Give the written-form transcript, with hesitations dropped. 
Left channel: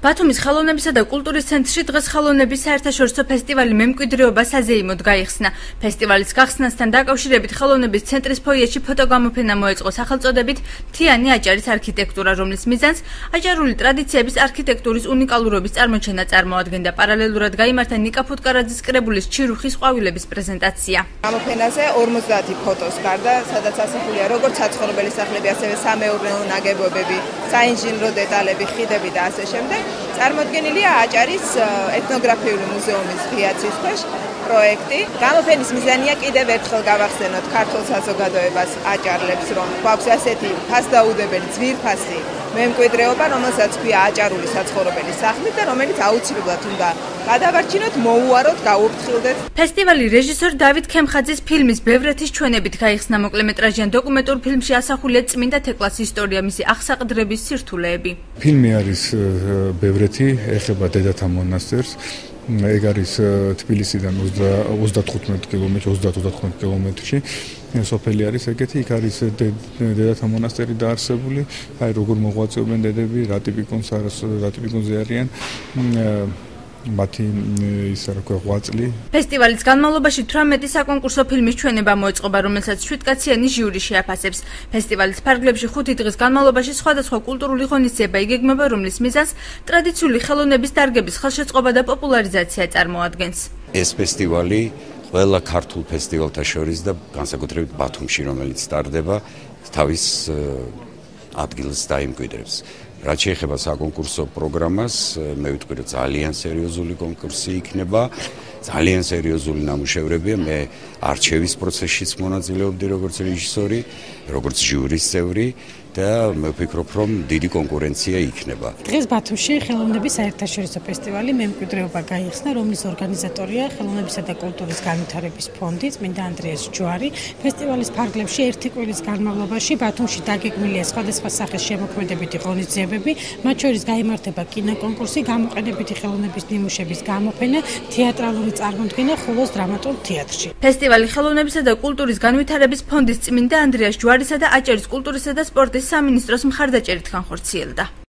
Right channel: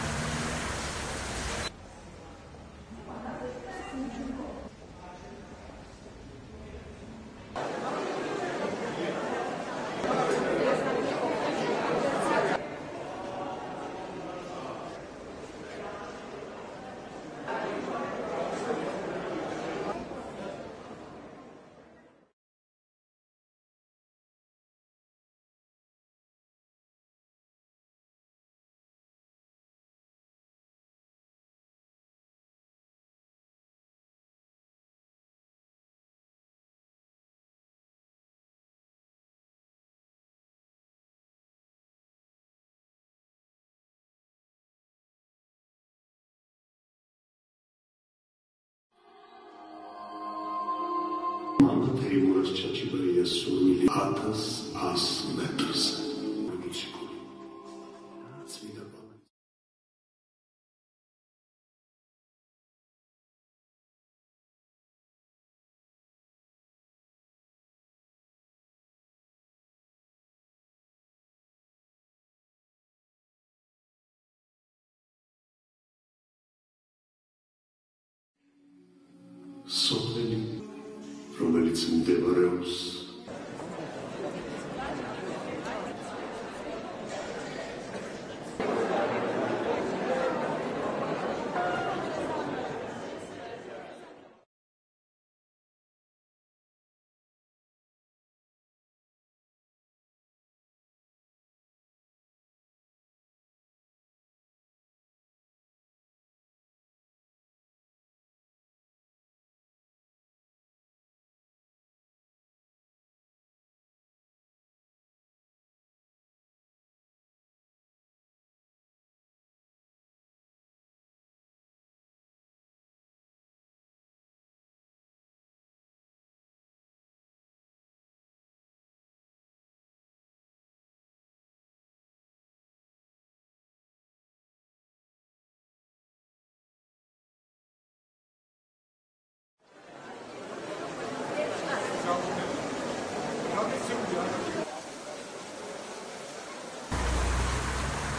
ბათუმის ხელოვნებისა და კულტურის ცენტრში დღეს ხელოვნების საერთაშორისო ფესტივალი მემკვიდრეობა საზეიმოდ გაიხსნა. ფესტივალის გახსნასთან დაკავშირებით ხელოვნების ცენტრის ფოიეში ფოტოგამოფენა მოეწყო სახელწოდებით მთიანი აჭარის არქიტექტურა, რომლის მიზანს აჭარული ტრადიციების არქიტექტურის უნიკალურობის წარმოჩენა წარმოადგენდა. პარალელურად გაიმართა ნიკა ფუტკარაძის კრებულის ჩირუხის ყვავილების პრეზენტაცია. გამოფენაზე 50 ფოტოს გარდა, სადაც ასახულია როგორც საცხოვრებელი სახლები, ასევე სამეურნეო ნაგებობები, საინჟინრო დეტალები, ხიდები და ასე შემდეგ. წარმოდგენილია აჭარის ეთნოგრაფიული მუზეუმის ღია ცის ქვეშ პროექტი. გამოფენის მიზანია კიდევ ერთხელ გავახსენოთ ქართულ საზოგადოებას აჭარლებს, რომ გვაქვს ასეთი ფასდაუდებელი ძვირფასი მემკვიდრეობა, რომელსაც ქვია აჭარული საცხოვრებელი სახლი და რომელიც აუცილებლად უნდა გადავარჩინოთ, მოუაროთ, გაუფრთხილდეთ. ფესტივალი რეჟისორ დავით ქემხაძის ფილმის ბევრეთის ჩვენებით გაიხსნა. მოკლემეტრაჟიან დოკუმენტურ ფილმში ასახულია წმინდა თეკლას ისტორია, მისი აღსაყდრების სირთულეები. ფილმი არის ბევრეთი, ეხება დედათა მონასტერს. ეგ არის თბილისიდან 35 კილომეტრში. სოფელი არის ეგეთი, იქ არის დედათა მონასტერი დაარსებული. აი როგორ მოღვაწეობენ დედები, რა ტიპიკონზე არიან. მათი ისა რა ქვია ღვაწლი. ფესტივალის განმავლობაში 18 საკონკურსო ფილმის ჩვენება მოეწყობა, რომელსაც 7 კაციანი ჟიური შეაფასებს. ფესტივალის ფარგლებში 5 დღის განმავლობაში სხვადასხვა კულტურული ღონისძიება იგეგმება, რომლის მიზანს ტრადიციული ხელოვნების დარგების ხელშეწყობა და პოპულარიზაცია წარმოადგენს. ეს ფესტივალი ყველა ქართულ ფესტივალთა შორის და განსაკუთრებით ბათუმში, რომელიც ტარდება, თავის ადგილს დაიმკვიდრებს. რაც შეეხება საკონკურსო პროგრამას, მე ვიტყვი, რომ ძალიან სერიოზული კონკურსი იქნება, ძალიან სერიოზული ნამუშევრებია. მე არჩევის პროცესშიც მონაწილეობდი როგორც რეჟისორი, როგორც ჟიურის წევრი და მე ვფიქრობ, რომ დიდი კონკურენცია იქნება. დღეს ბათუმში ხელოვნების საერთაშორისო ფესტივალი მემკვიდრეობა გაიხსნა, რომლის ორგანიზატორია ხელოვნებისა და კულტურის განვითარების ფონდი წმინდა ანდრიას ჯვარი. ფესტივალის ფარგლებში ერთი კვირის განმავლობაში ბათუმში დაგეგმილია სხვადასხვა სახის შემოქმედებითი ღონისძიებები, მათ შორის გაიმართება კინოკონკურსი, გამოყენებითი ხელოვნების ნიმუშების გამოფენა, თეატრალური წარმოდგენა ხულოს დრამატულ თეატრში. ფესტივალი ხელოვნებისა და კულტურის განვითარების ფონდის წმინდა ანდრიას ჯვარისა და აჭარის კულტურისა და სპორტის სამინისტროს მხარდაჭერით განხორციელდა.